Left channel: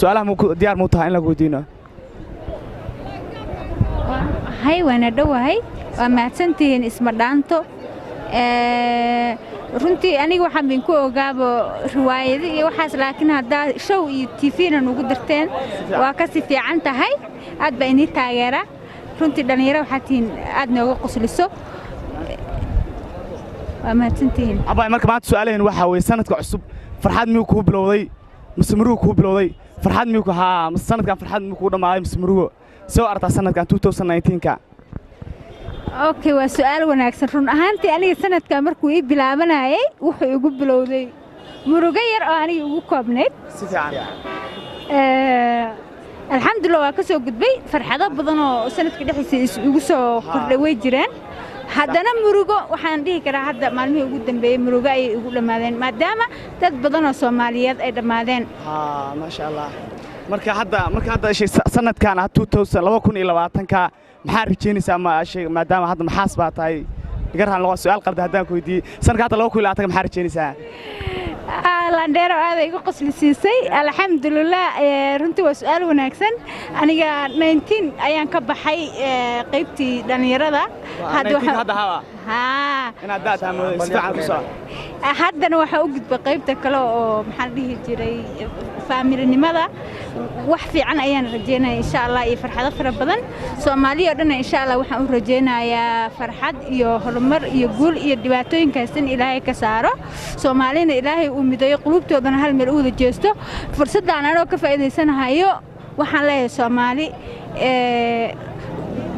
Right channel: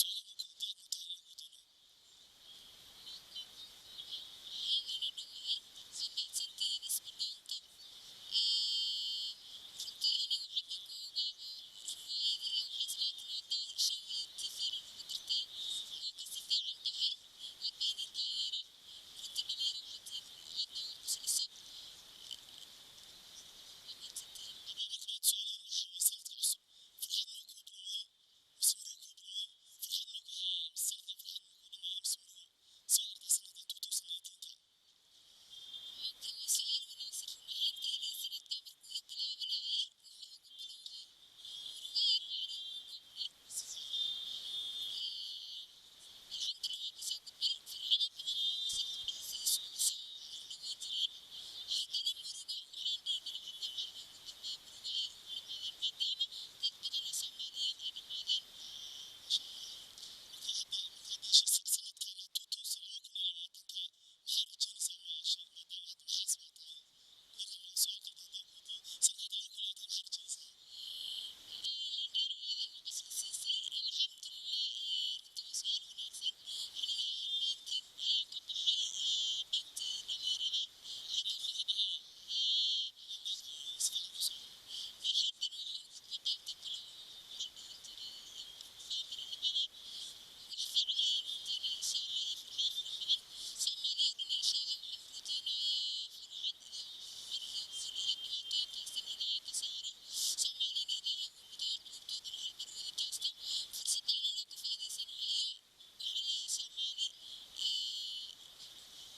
su'aalaha diyaar muu tahay in lagu weydiino hay waana dhowahay waa mahadsantihiin isma dhaanto runtii aniga waxaan bin ku ogaabo riwaayado iyo waxaas laakiin haddaa show iyo TV-na nugu dirteen waa ka si fiican tahay aad baa inii taageera runtii dhalinyaro waxaad tihiin aad nooga qosliso waa mahadsantihiin abay marka maanta su'aalaheena waxaa weeye sanadka cusub farxad miyuu kuu bilowday mise murugo kuu bilowday farxad miyuu ku haa mise sanadkan farxad miyuu kuu dhammaaday mise murugo soo aragtaa sanadkan 2019ka okay waa su'aal wanaagsan run ahaantii aniga sanadkan markuu ii bilaabanayay wuxuu igu bilowday murugo yar oo aniga ugu koobnayd si fiican alxamdulillah waa ka soo gudbay farxado badan oo sanadka dhexdiisa igu soo kordhay way jiraan haddana murugo waxaan dhihi karaa hadda maalmihii ugu dambeeyay murugo ayay igu dhammaadeen maadaama dad badan oo Soomaaliyeed ay dhammaadeen ma sha Allah marka hadda sanadkan 2020ka maxaa rajeynaysaa maadaama hadda maxaas baa tahay igarhan loo su'aal qabda haddaan ku weydiiyey sanadka hadda 2020ka maxaa rajeynaysaa landheero aad igu qosli siisay alxamdulillah runtii waa su'aal wanaagsan aniga 19 ayaan ka baxay qaybtii dhalinyarada haddana waxaa u gudbay qaybta kale oo maxaan dhihi jiray faamilinimada wax fiican ayaan rajeynaya insha Allah iyo farxado fara badan Soomaaliya oo dhan insha Allah waxaan u rajeynayaa farxad iyo horumar iyo guul iyo dhibaatooyinkaas in Ilaahay ka saaro Soomaalina Ilaahay uu midayo qulubtoodana hal meel u wada jeesto fursaddan anoo ka faa'iideysanayo waxaan leeyahay Soomaali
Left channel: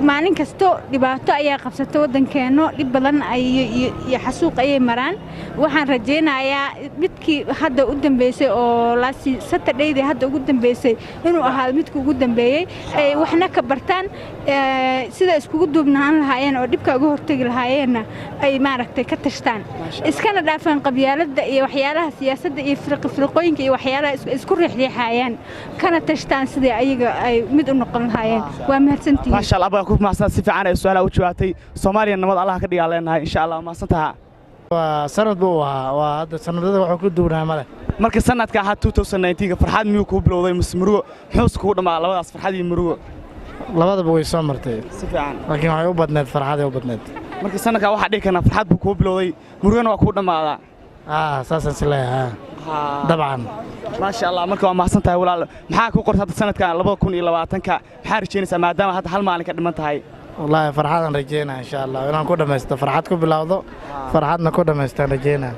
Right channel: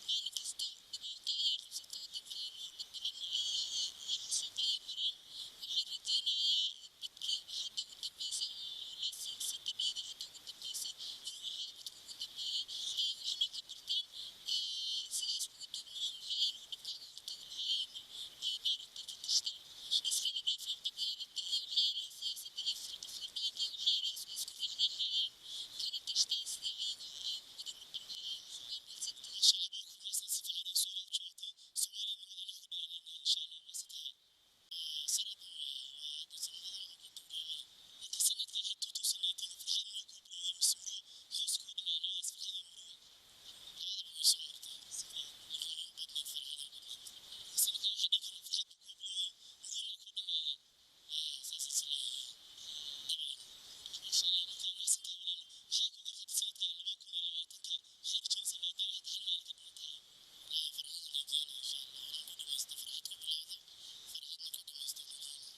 maalin kasto dhibaato ayaa qabsata wadankeeno dhib badan iyo xasuuq ayay maraan waxaan rajeynayaa midkii hadda u dambeysay oo laasi Saturday hadda ugu dambeysay inuu ahaado midkii ugu dambeeyay ay waxna ka bartaan sida iskugu duubnaan lahaayeen oo dhibka uga hortagi lahaayeen ay maaragtay ka tashtaan iskana dhaafaan qabyaaladda iyo waxyaalaha siyaasadda iyo firqooyinka iyo waxyaalaha isku riixriixayaan kana tashtaan sidii ayaga ay mid u noqon lahaayeen waa mahadsantihiin ma sha Allah baa ku mahadsan si fiican ay su'aalaha u jawaabtay Soomaaliya nabad Allah ka dhigaa leenahay insha Allah mahadsantaha waa sanad buu waa hadda sanadada wuxuu ku duwnaa male marka sanadka 2019ka farxad miyuu ku bilowday mise murugo muxuu ku dhamaa labadaas farxad iyo murugo labadaba way soo martay si fiican laakiin waxay u badneed farxad ay u badneed marka sanadka waxa dhigi karna farxad buu ku bilowday murugana waa ku dhamaada saasan sileeyahay dabcan ما شاء الله مركب ما حسنتها ولا محاك وقرت هذا السنة كان لبض كوني لبعتن كحارس جينيس ما دام هذا حل مالك قد ما انتهي والله فرحان رجينا إن شاء الله وأنا كودا مست فرحتكم بالعوض فرحتنا كودا مست رجينا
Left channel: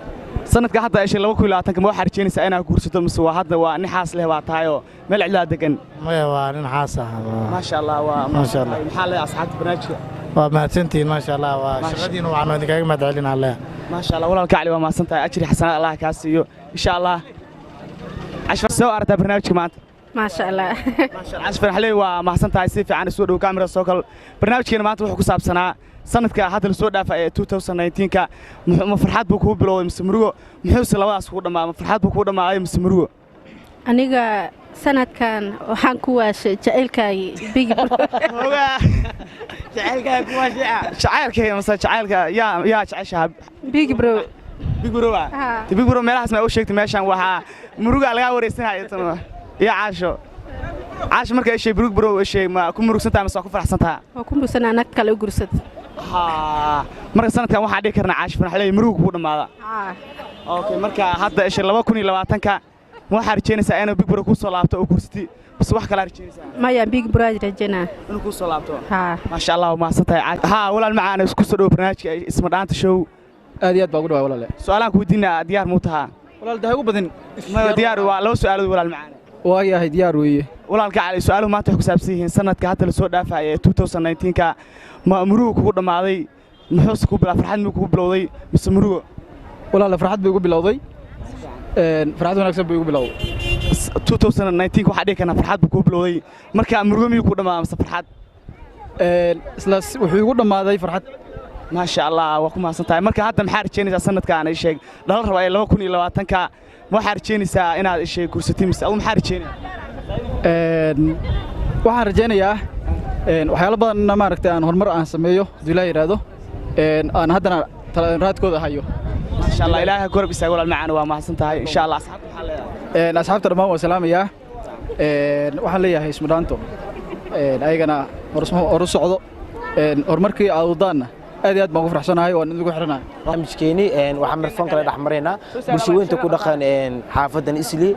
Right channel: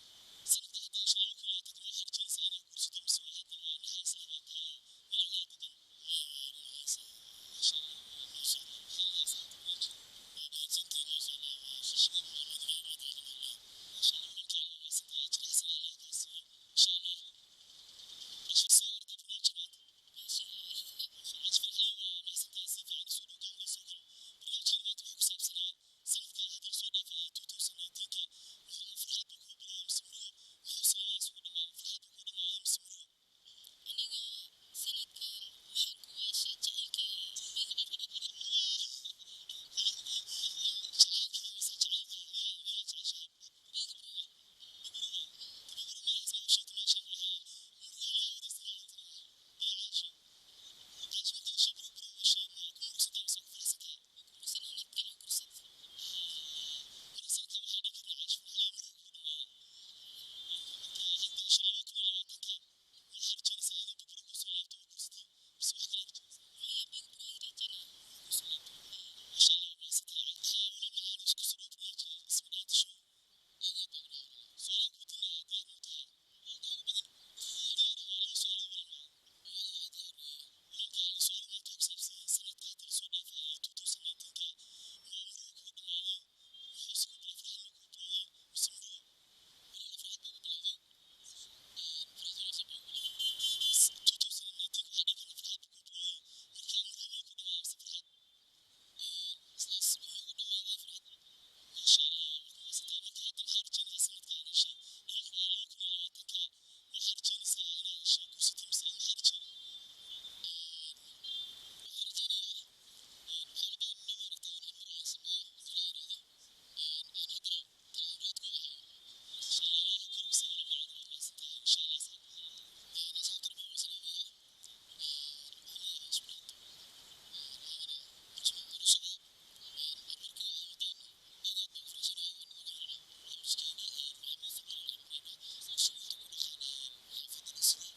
سنة كحتى إيش لو كل لبعتن كم حارس جينيس أنا كورسته مسوا هذا ونحاس له بعتايو مل علاج كن ما يوا نحاسه ما شاء الله ما شاء الله محل أصحاب برنامج وما سنتين ما شاء الله وشغدين وعنو دقيق ما تعلن عليه ما شاء الله ولا الكعلي وما سنتها أجري حسنا الله كاسيو إن شاء الله عشر سو أردت برنامج كمان ما شاء الله ما شاء الله عشر حلي وما حسنتها يصير في عن السود وكاميرا سوكل برنامج كنا ما تروح كسب سنة سنة هذا السود في 2019 ك مفرحات بكو بلو مسمرو محوس لواس كودا ما مفرحات بكو ما أي مسمرو aniga sanadkan waxaan ku waashay jaceylkay big jaceylkay مثلا jaceylka يا jacayshahab big bro big bro meelahaas ma u sheegtay meeshan waxa muruga laga wareysanayo tan يا عاش marka ay shay big bro shay ma ku murugsantahay ma ku faraxsantahay waa ku murugsanaa nag kale u gursad marka sanadkan waxa dhigi karnaa caash farxalay muruga ku dhamaada okay marka hadda ay shay 2020ka waxaa rajeynaysaa inuu big bro ku soo laabto oo kursati bas wax kala rajeynaysaa maya big bro rajeyna inuu ku soo laabto ma sha Allah ma santahay walaal macaan isku soo dhaw barnaamijka isma dhaanta show aad iyo aad baa ugu dhawaay walaal su'aalaan ku weydiinaa diyaar muu tahaa walaal dahay ugu badan ma diyaar waa loo su'aalo walaal macaan waa yahay diyaar weeye walaalka cali su'aaluhu maanta waxay ku saabsan yihiin sanadka hadda la soo dhaafay 2019ka ma murugo kugu dhamaaday muxuu ku bilaa farxad muu kugu bilowday mise murugo walaal farxad bay ugu bilowday farxad wanaagsan bay ugu bilowday 2019 waxa dhigi kana farxad buu ku bilowday marka murugo miyuu ku dhamaaday mise farxad isla wuxuu ugu dhamaaday farxad ما شاء الله وكم حسنتها مركز هذا محار جينيس سنة كان الشيء ده الرباعي لو كوني لو أتنك محار جينيس أنا الشيء كورستي مس أو محار جيني waxaan rajeynayaa waxyaalo badan ma aragtay aan horumar aan sameeyo dilaa yiraahdo aan haddana raadkooda hayo ما شاء الله إلهي كورب يسأقول المعاني وما حسنتها إن شاء الله أصحابته dhammaan waa salaamayaa waxaan leeyahay ismadhaanto ayagana horu socdo horumarkii aad wadaanna aad iyo aad baan ugu faraxsanahay waan idigu xiranahay barnaamijkeeni waxaan marfoon kala dhex maraynaa bulshaweynta ku dhaqan xaafadan Isli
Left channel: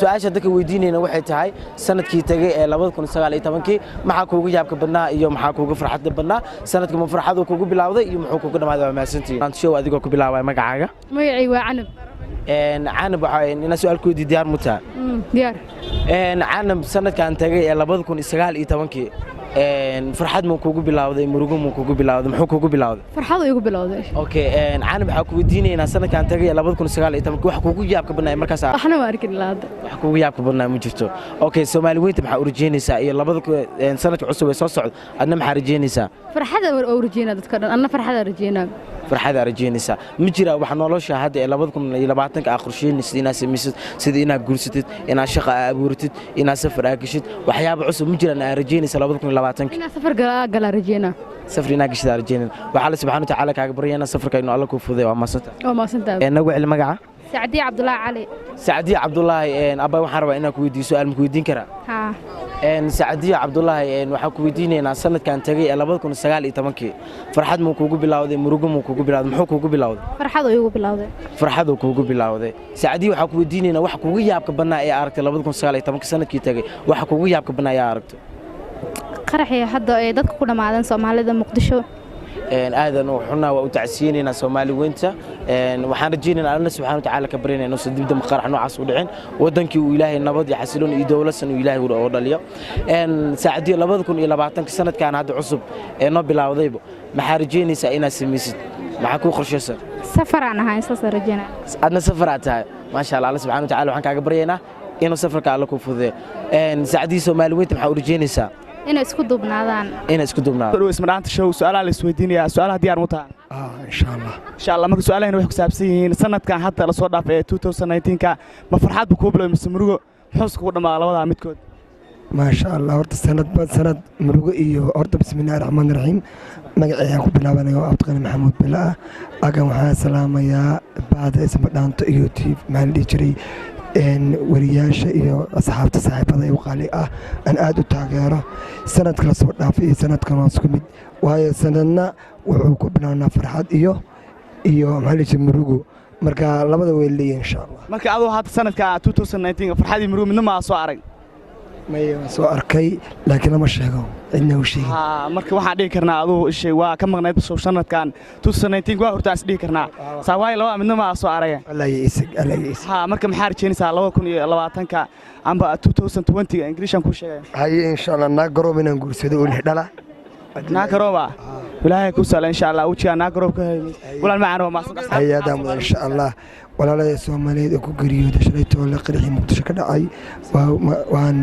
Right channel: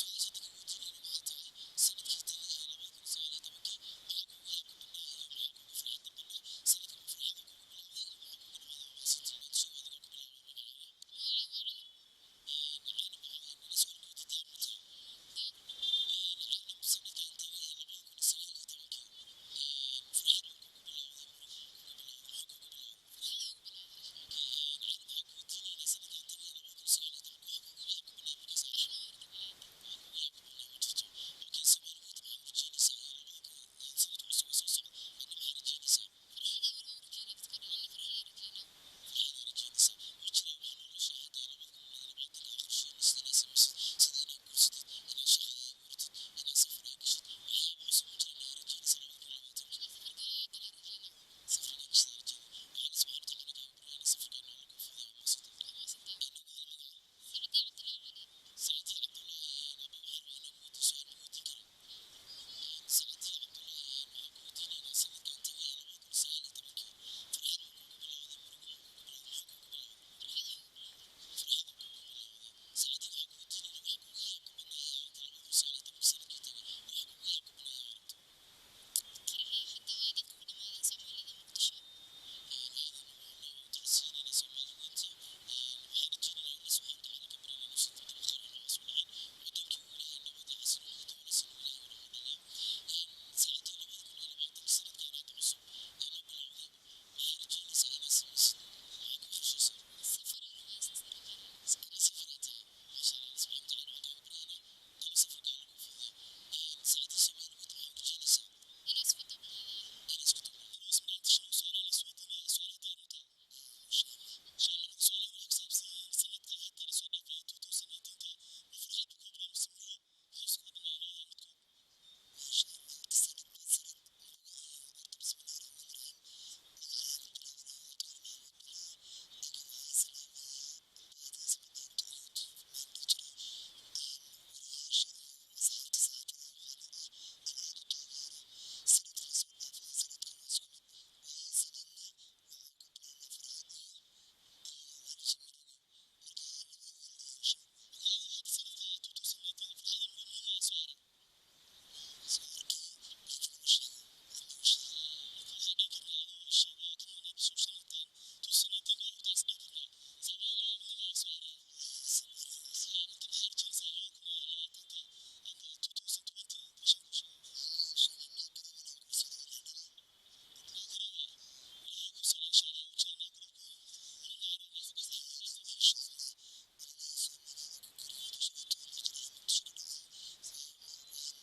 su'aasha dadka weydiinayna waxay tahay sanadkii tagay ee 2019 maxaa kuugu yaabka badnaa iyo maxaa kuugu farxadda badnaa sanadka ma farxadu kuugu bilowday iyo muxuu kuugu dhamaaday waa mahadsantihiin aan show adigoo ku bilaabay magacaaga magacay waa Canab canab waxa ina su'aalkoodii diyaar mu tahay diyaar canab sanadkan tagay ee 2019 farxad ma kuugu bilowday murugo ma kuugu bilowday muxuu kuugu bilowday farxad igu bilowday okay canab waxa ku weydiinaynaa sanadkan tagay ee 2019 wax kuugu yaabka badnaa markaas waxna ma arkin laada wax kuugu yaabka badnaa ma jirto okay Soomaali weynta maxaa u rajeynaysaa iyo sanadka cusub ee soo socdo adna maxaa rajeynaysaa farxada u rajeynaa dadka dhan anna farxada rajeynaa farxada rajeynaysaa ma jira wax nolosha hadda ee 2020 qorsheynaysid inaad samaysid sida inaad guursatid inaad shaqo abuurtid inaad safar aagashid waxyaabo cusub ma jiraan aad rajeynaysaa 2020 inaad safar gala rajeynaa safar inaad gashid rajeynaa waxa la subhanahu wa ta'ala kaaga baryaynaa safarka inuu alla ku fududeeyo waa maasanta nagu cil magaca Saacadiya Cabdullaahi Cali Saacadiya Cabdullaahi abba waxaan rabaa inaan ku weydiiyo su'aal ma ku weydiin karaa Saacadiya Cabdullaahi waxaan ku weydiinaynaa sanadkan tagay ee 2019 farxad ma kuugu bilowday murugo ma kuugu bilowday muxuu kuugu bilowday farxad kuugu bilowday Saacadiya waxaan ku weydiinaynaa wax kuugu yaabka badnaa ee aragtay 2019 sanadkii tagay wax kuugu yaabka badnaa ee aragtay qaraxii hadda ee dadka ku dhamaadeen Soomaalida Muqdisho aadan oo xunaa waa u tacsiinayna Soomaali weynta waxaan rajaynaynaa Allah subhanahu wa ta'ala ka barinayno sidibda qarax noocaas u dhicin wadankii uu Ilaahay nabad iyo xasiloon iyo dawladsan uu Ilaahay u dhaliyo Saacadiya 2020 sanadkan hadda cusub ee noo bilowdayba maxaa rajaynaysaa inaad samaysid maxaa ku qorshaysan safar aan ahay saas rajaynaa adna safar aad tahay ma sha Allah subhanahu wa ta'ala waxaan kaaga baryaynaa inuu safarka alla ku fududeeyo Saacadiya Soomaali weynta maxaa u rajaynaysaa inay isku dubnaadaan ismadhaanta show su'aalaha la isweydiinayaa su'aalaha diyaar mu tahay insha Allah marka su'aalahayna waxay ku saabsan yihiin sanadkan hadda la soo dhaafay ee 2019 ma farxad buu ku bilowday mise murugo muxuu ku dhamaa labada midkood ما شاء الله horta sanad murugo iyo horta bismillaahir rahmaanir rahiim magacayga ku bilaabanayo Abdulqani Maxamuud Bilaa agan waxaan salaamayaa baada ismadhaanto iyo TV maxaan dhigi jiray wariyaasha iyo asxaabta saaxiibada ee qaali ah aan aad u taageero sanadka la soo dhaafay iyo sanadkan waa isku mid waayo sanadna wuxuu ku bilaabnaa farxad iyo maxaa murugo marka labada way leeyihiin insha Allah marka adoo hadda sanadka 2019 farxad iyo murugo midna ma soo arag soo arkay laakiin lama sheego cidna u sheegin marka waxaan dhigi karnaa aduu ishay waa ka maqnayd sanadkan 2019 waa hortaas dhigi karnaa saawaay laba midna ma soo arageen marka maxaa rajeynaysaa 2020 amba 2020 Ingiriishan ku sheegay haye insha Allah naagaro inaan guursado oo lix dhala naagaroba ilaahay ku sala insha Allah wajiga naagarob ka hayay walaal macaan waa maasanta hayada insha Allah walaalada Soomaaliyeed ku geeriyooday shalay toole qirxii Muqdisho ka dhacay waan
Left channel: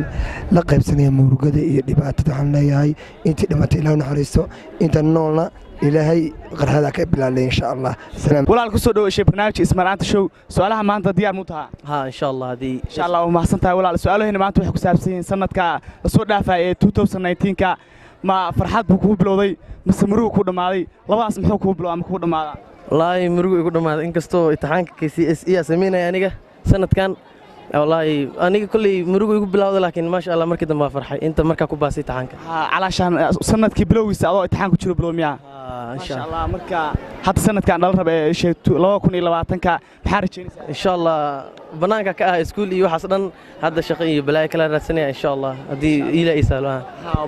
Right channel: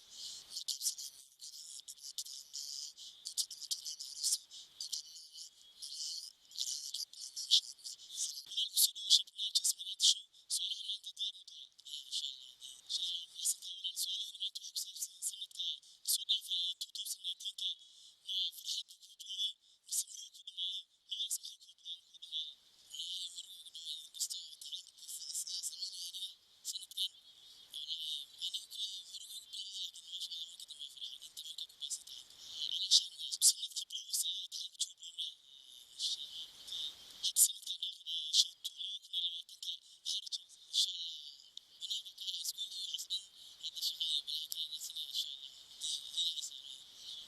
la qaybsanay murugada iyo dhibaatada waxaan leeyahay intii dhimatay Ilaahay naxariisto inta noolna Ilaahay qarxada ka bilaalay insha Allah salaam walaal ku soo dhawaashay barnaamijka ismaraanta show su'aalaha maanta diyaar mu tahay insha Allah insha Allah waa mahadsantahay walaal su'aalahayna maanta waxay ku saabsan yihiin sanadka la soo dhaafay ee 2019 ma farxad buu ku bilowday mise murugo ku dhamaaday labadaas muxuu ku bilowday ama ku dhamaaday والله مرقو يقول ما إنك استو امتحانك KCSE سمينا يعني سنة كان والله أنا كل مرقو يقول بلاود لكن ما شاء الله مركز ما فرحي أنت مركز كوباسي امتحانك علشان سنة كبلوي سأضاء امتحانك تشيل بلو مياه إن شاء الله مركز حتى سنة كان الله ربع شيء لو كون إلى وقتك بحارة إن شاء الله بنانك كأه سكول يو حصلا هذا شقي بلاي كلا رسنة إن شاء الله هذه إلى إسالها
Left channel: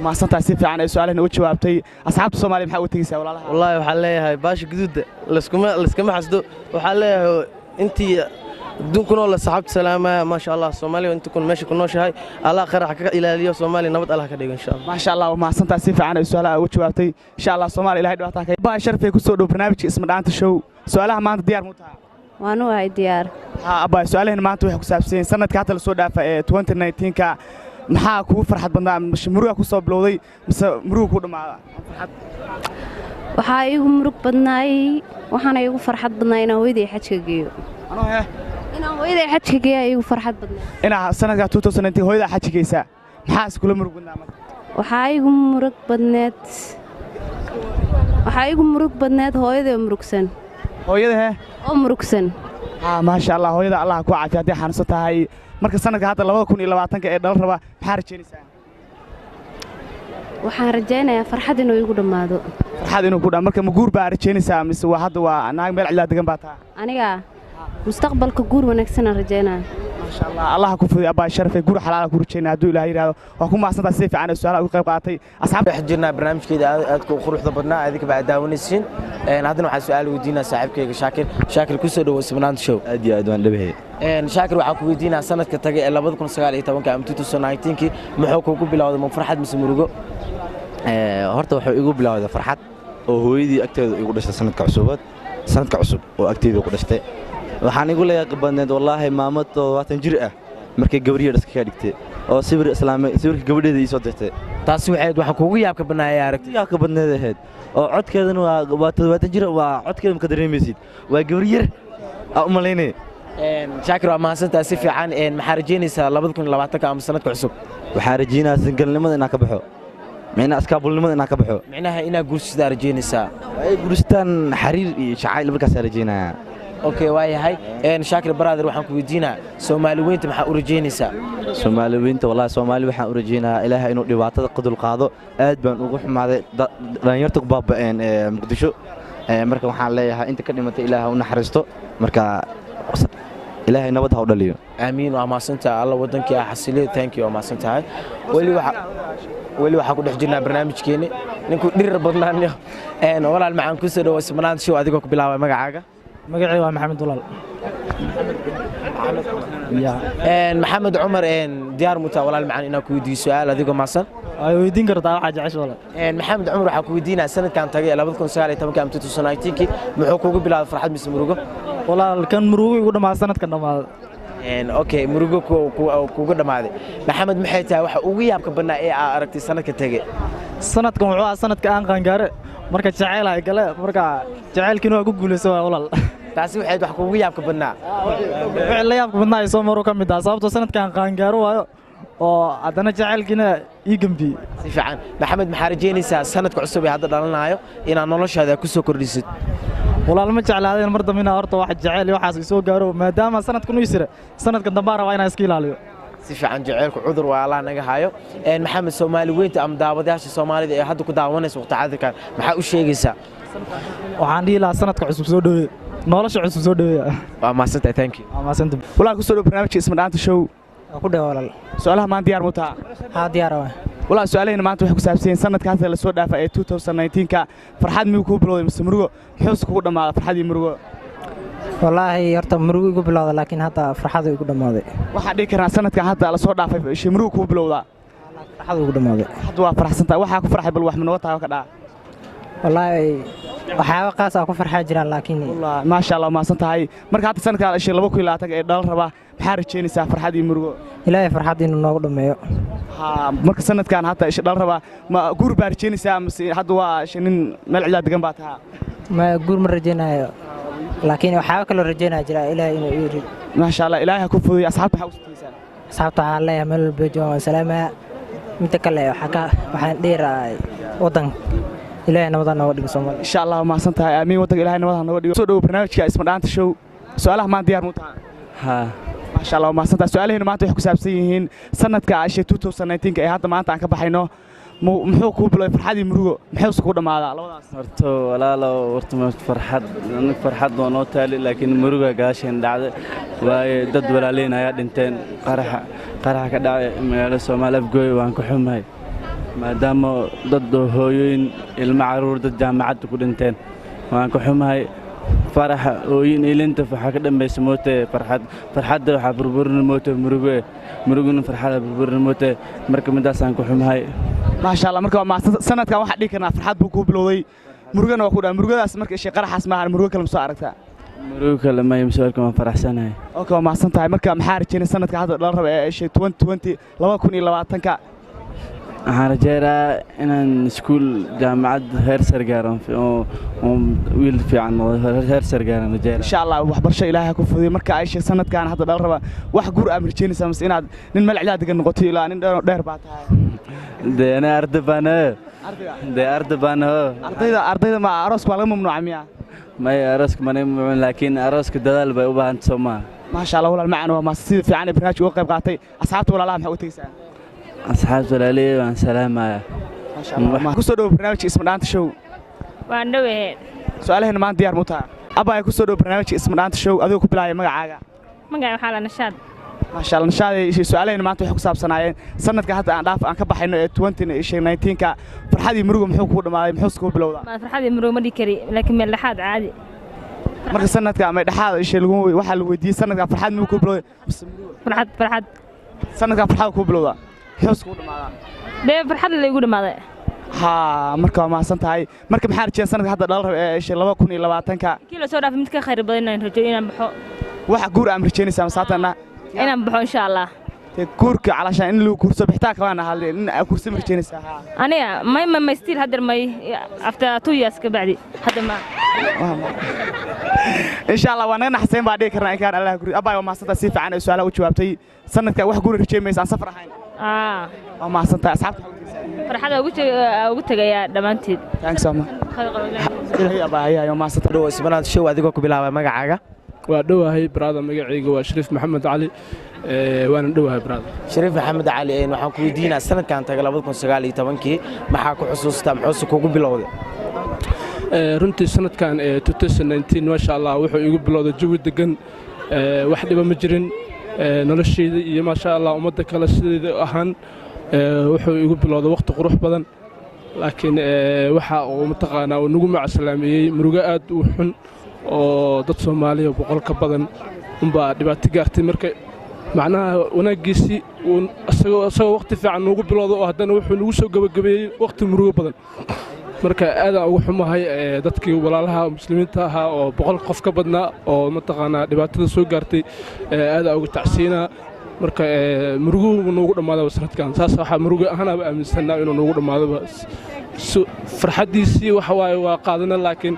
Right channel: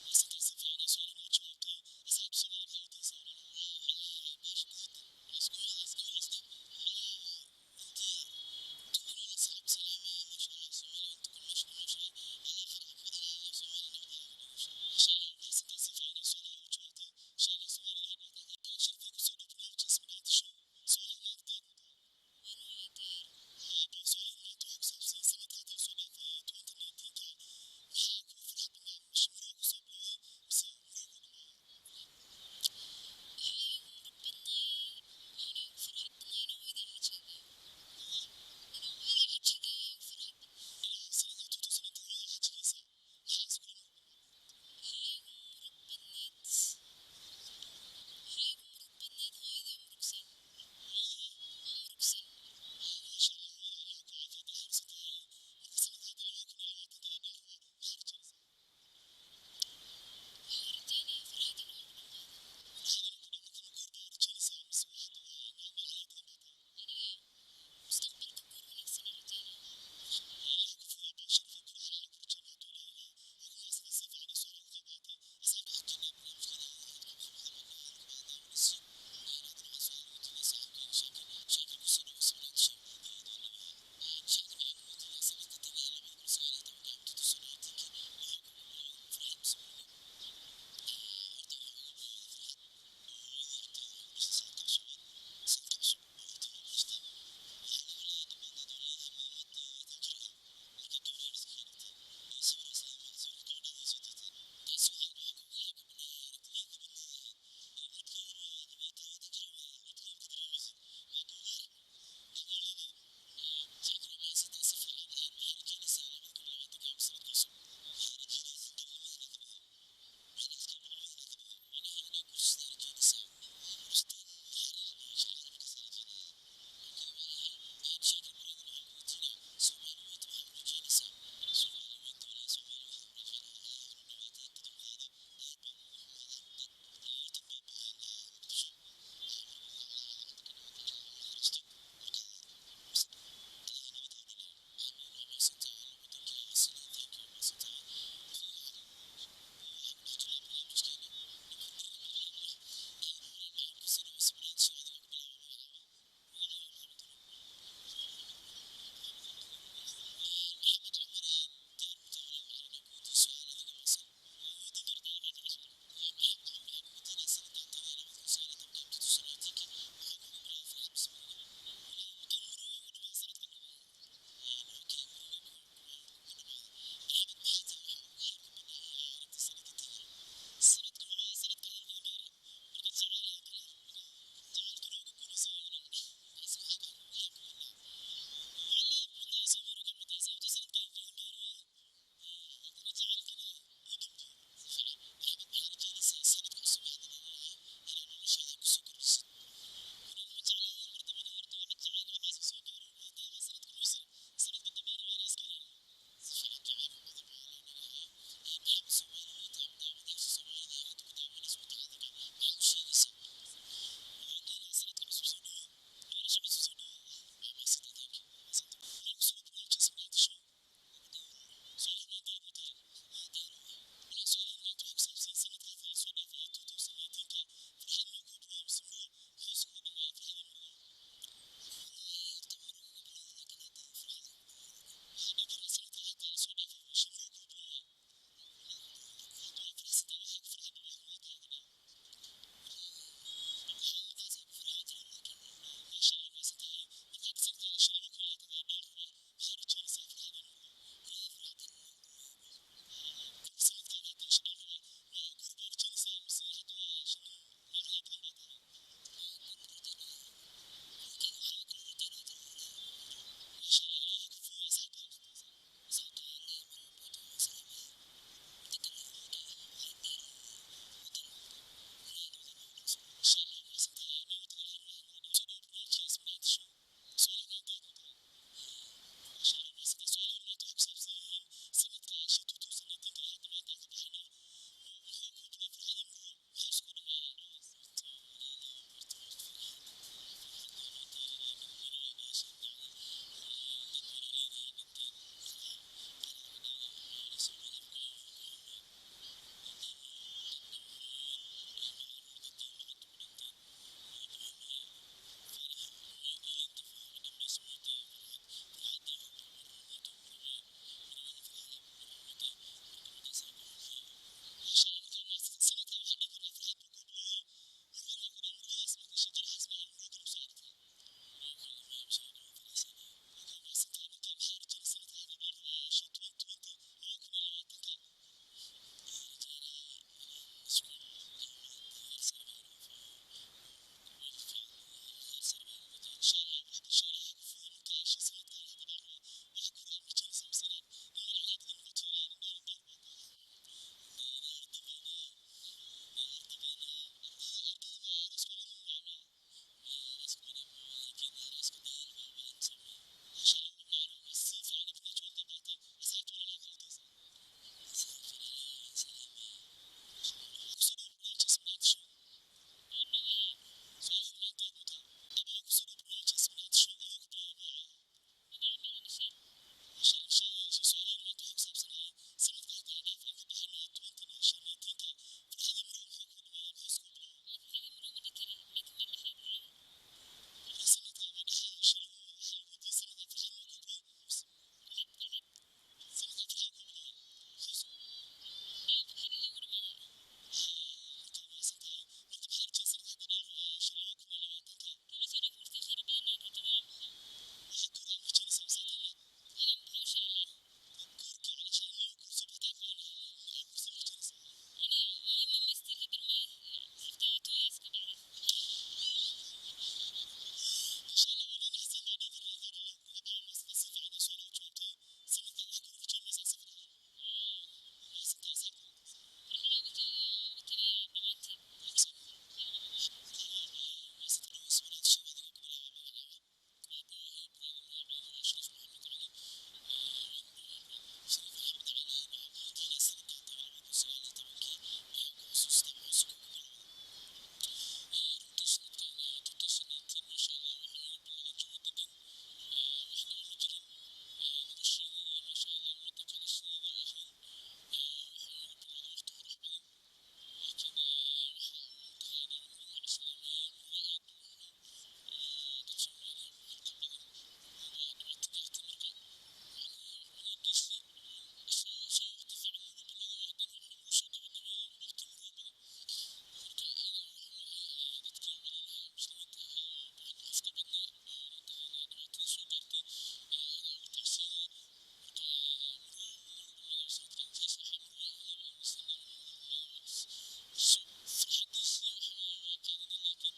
ما صنت عسيف عن سؤال إنه وجه وابتي أصحاب الصومالي محاول تيجي والله وحليها هاي باش جدود لسكما حسدو وحليها أنتي دون كنا ولا صحاب سلامة ما شاء الله الصومالي وأنت كن ماشي كنوش هاي الله خير حكى إلى اليوم الصومالي نبض الله كده إن شاء الله ما شاء الله وما صنت عسيف عن سؤال وجه وابتي إن شاء الله الصومالي إلى هيدا تاكي باي شرف يكون صدق برنامج اسمه دانت شو سؤالها ما أنت ديار متها waanu hay diyaar أبا سؤالهن maanta waxay ku saabsan sanadka hadda la soo dhaafay ee 2019 ka maxaa kugu farxad badnaa murugo ku soo bilowday mise murugo ku dhamaada waxaa igu murug badnaay waxaana igu farxad badnaay inaan hooyaday xajka geeyo inaan hooyaday xajka geeyo igu farxad badnaay inaa sanadka 2019 hooyada xajka geeysa maxaa iskula murug badnaa waxaa igu murug badneed hooyaday murugsan hooyada oo murugsan maasha allah hooyada allah ku caafiya haddii xanuunsan tahay marka sanadka hadda 2020 ee dhal raba maxaa rajaynaysaa waxaan rajaynayaa farxad inuu igu dhammaado farxad inuu ku dhammaado marka ma guur baa rajaynaysaa mise waa hadda waa naag meel cidla degan baa taa aniga mustaqbalka guur wanaagsan aan rajaynaa maasha allah allah ku fudiyo abaa sharafay guur xalaal ku rajaynaa hadduu ilaahay yiraahdo waa ku maasanta si fiican su'aalaha uga qayb qaatay asxaabta waxaan jirnaa barnaamijkeeda aad ku quruxda badnaa adiga baa daawanaysiin haddana waxaan su'aal weydiinaa saaxiibkayga shaakir ku soo dhawo Simnaanta show aad iyo aad waan dhabahay shaakir waxaan ku weydiinaa sanadka tagay ee 2019 ama 2019 muxuu kugu bilowday ma farxad mise murugo horta wuxuu igu bilowday farxad oo hooyadii agteeda igu dhashay sanadka cusub oo agteeda ku dhashtay waxaan igu leeyahay badneed wallaahi maamo 20 jir ah markay gabriyeed iska ka dhigtay oo sawirka gabadheeda ii soo dirtay taasi waxa kugu yaabka banaayay aragtay yaabka badneed ahayd oo codkeedana waa 20 jir waa codkeeda ma ka dareemaysid waa gabriyeed u maleynay shaakir waa mahadsantahay si fiican maxaa rajaynaysaa 2020 ama sanadka cusub waxaan rajaynayaa singalnimada inaan ka baxo معناها أسكابولنimada inaan ka baxo macnaha inaa guursidaa rajaynaysaa ay guurstaan xariir iyo jacayl markaas rajaynaya okay waayahay shaakir brother waxaan ku weydiinaa Soomaali weynta maxaa u rajaynaysaa Soomaali weynta wallahi Soomaali waxaan u rajaynayaa Ilaahay inuu dhibaatada qadul qaado aad baan ugu xumaaday dhalinyarta ku baaba'een Muqdisho marka waxaan leeyahay inta ka dhimatay Ilaahay u naxariisto marka Ilaahay nabad ha u dhaliyo aamiin waa maasanta alla wadankii xasiliyo thank you waa maasantahay wali waxa ku dhex jirnaa barnaamijkeeni ninku dhirir badnaanyo walaal macaan ku soo dhawo Simnaanta show adigoo ku bilaabay magacaaga magacayga waa Maxamed Dulaal maxamed cumar diyaar mutaa walaal macaan inaan ku weydiiyo su'aal adigoo maasan ay weydiin kartaa waxa jecesho walaal maxamed cumar waxa ku weydiinaa sanadkan tagay 2019 ama 2019 muxuu kugu bilaabay farxad mise murugo walaal kan murugo igu dhamaa sanadkan dhamaad okay murugo kugu dhamaaday maxamed maxay tahay waxa ugu yaabka banaa ee aad aragtay sanadka tagay sanadkan wuxuu ahaa sanadka aan qaangaare marka jacayl ay gale marka jacaylkiina waa ku guuleysay walaal taasi waxay wax kugu yaabka banaa wixii la yaabka banaa ay soo maro ka mid ah sababtoo sanadkan qaangaaro waayo oo adana jacaylkiina ii gambi si fiican maxamed maxaa rajaynaysaa sanadka cusub ee hadda dhalanayo inaad noloshaada ku soo kordhisid walaal ma jeclaadeen mar dambe horta wax jacayl iyo waxaas soo gaaro maadaama sanadkan uu isira sanadkan dambe rabaa inaan iska ilaaliyo si fiican jacaylku cudur waa Allah naga hayo maxamed Soomaali weynta am daawadayaasha Soomaalida ee hadda ku daawanaysa waqti caadikan maxaa u sheegaysaa waxaan dhihi lahaa sanadka cusub soo dhaweey nolosha cusub soo dhaweey waa maasanta thank you waa maasanta walaal ku soo dhaw barnaamijka Simnaanta show ku dhaw walaal su'aalaha maan diyaar mutaa ha diyaar ah walaal su'aalaheena maanta waxay ku saabsan yihiin sanadka hadda la soo dhaafay ee 2019 farxad miyuu ku bilowday mise murugo muxuu kugu dhamaaday farxad iyo murugo wallaahi horta murugo igu bilowday laakiin hadda farxad igu dhamaaday waxa dhigi karnaa sanadkan hadda la soo dhaafay murugo ku bilowdaa farxad igu dhamaaday hadda waa faraxsantahay waxa ku farxay bal wax ma tahay ka dhaa wallaahi waxyaabo qaas ah ku farxaa jiraan laakiin wallaahi ma sha Allah ma santahay marka hadda sanadkan 2020 ee dhal raba maxaa rajaynaysaa farxad iyo murugo ilaahay farxad inuu noogu dhameeyo marka sanadkan hadda dhal raba ma guur baa rajaynaysaa mise hadda waa nin meel cidla degan baa tahay ma guur ma rajaynayo laakiin waxyaabo kale rajaynaa jira ilaahay inuu ii ma sha Allah ilaahay ku fududeeyo asxaabta waxa u sitaysan asxaabta waxaan leeyahay meel walba joogaan salaama mid kale waxaan dheeraay wadan ilaahay nabada nooga dhigo Soomaaliya insha Allah ma santahay aamin wadanka ilaahay nabada nooga dhigo soo dhaw barnaamijka Simnaanta show su'aalaha maan diyaar mutaa ha ما شاء الله ما صدق سؤالين ما أنت يحكوا سابسين سنة كعشرة 2019 كأي هذا ما أنت عنك بحينه محو كوبلو فرحة مروق محو سكودا مع هذا horto walaalo horto ma farxad doonoo taali laakiin muruga gaasheen dhacday way dad walaaleen ayaa dhinteen qaraxa ka dhacay magaalada Soomaaliya afgooy waan ku xumahay maadaama dad hooyooyin ilmo caruur dad jaamacad ku dhinteen waan ku xumahay faraxa ooyin ilinta waxa ka dambeysay moote farxadda waxa burburin moote muruguna farxada burburin moote marka midaas aan ku xumahay ما شاء الله مركب ما سنة كان واحد ديكنا فرحات بكو بلوي مرجنا وكذا مرجنا اسمك إيش قرح اسمها مرجنا كلام صارتها مرجنا لما يمسوكم فرح سنة أوكي ما سنة هاي مركب محارج كنا سنة كهذا الأربع إيش 2020 لما كوني لما تنكا هرجيرا إن سكول جامعة هير سرجارم في ويل في عنه هير سرجارم رجيرا إن شاء الله وحبر شيء إلهي كفدي مركب إيش سنة كان هذا الأربع وحجور أمريكاني سامس إن نمل علاج كنا قتيل لا ندير بعدها ده أنا أردبانه ده أردبانه أرضي مع عروس ولا ممنوع مياه may arooska manay mucun laakiin arooska dadaal bay u baahan Soomaa ما شاء الله ولا المعنى وما سيد في عنا برنامج وقف قاطي أصحابته ولا لا محاول تيسان أصحاب زلالي وان سلام ما شاء الله كسر برنامج اسمه دانت شو واندوه سؤاله هنا ما ديار متاع أبا كسر برنامج اسمه دانت شو أذوق بلاي مقعة حالة نشاد ما شاء الله نشاد سؤاله هنا ما أنتوا حكوا سنة سنة كهذا أنا عارف أنا كبح إنه 2019 كا فرحدي مروق محوك ما محوسكوا بلوضة ما فرحدي مروق مدي كري لكن من لحد عادي marka sanadka ama dhaxaad isha lagu waxa la weydiiyay sanadka farxad ma ku bilowday farxad sanadka farxad ku bilowda xuus ku dhamaada bee farxad la igu dhamaaday ha marka ma san tahay marka maxaa rajeen sanadka hadda dhal isha 2020 ka kii la soo dhaafay mid ka khayr badan inaan rajo inaan baxo waxa guur am rajeynaysaa masaatana inaan baxo insha Allah guurka calashaan in lagu guurso bixtaa kalena hadleen in kursi rajeynaysaa aniga ma still hadda may after 2 years ka bacdi hadda ma إن شاء الله وأنا نحسين بعدين كرنا كان الله يقول أبا وما صدق سيف عن السؤال وجوابتي سنة كواحد يقول رجيم عن سفر حين وما صدق أصحاب فرحة قلت جاي دمانتي thanks أما هي أبا هي يوم ما صدق دو اسمنا شو أديكوا كبلا ما جعجة ودوها هي برادة مجاعيق وشريف محمد علي وأنا دوها برادة شريف محمد علي وحكوا يدينا السنة كانت تقلبتكم سجالي تبنكي ما حكوا حسوس تام حسوس كوكو بلوده runtii sanadkan 2019 ma sha Allah wuxuu igu bilowday jawi degan wax dhiba ma jirin nolosheeda iyo ma sha Allah umada kala sideeda ahaan wuxuu igu bilowday waqti qurux badan laakiin waxa uu mataqaana uu nagu macsalaameeyay murugo aad u xun oo dad Soomaaliya boqol ka badan umba dhibaato gaartay markay macnaha wanaagiisi uu asagoo waqti fiican ugu bilowday oo haddana wuxuu nagu soo gabagabeeyay waqti murugo badan marka aad aan ugu xumahay dadkii walaalaha muslimiinta ahaa oo boqol qof ka badnaa oo mataqaana dhibaatada soo gaartay aad aan ugu tacsiinaa marka murugo noogu dhamaado sanadkan saas waxa murugo ahaan aan aaminsanaa inuu noogu dhamaado farxadiisii waxa waaye waa qaadana laakiin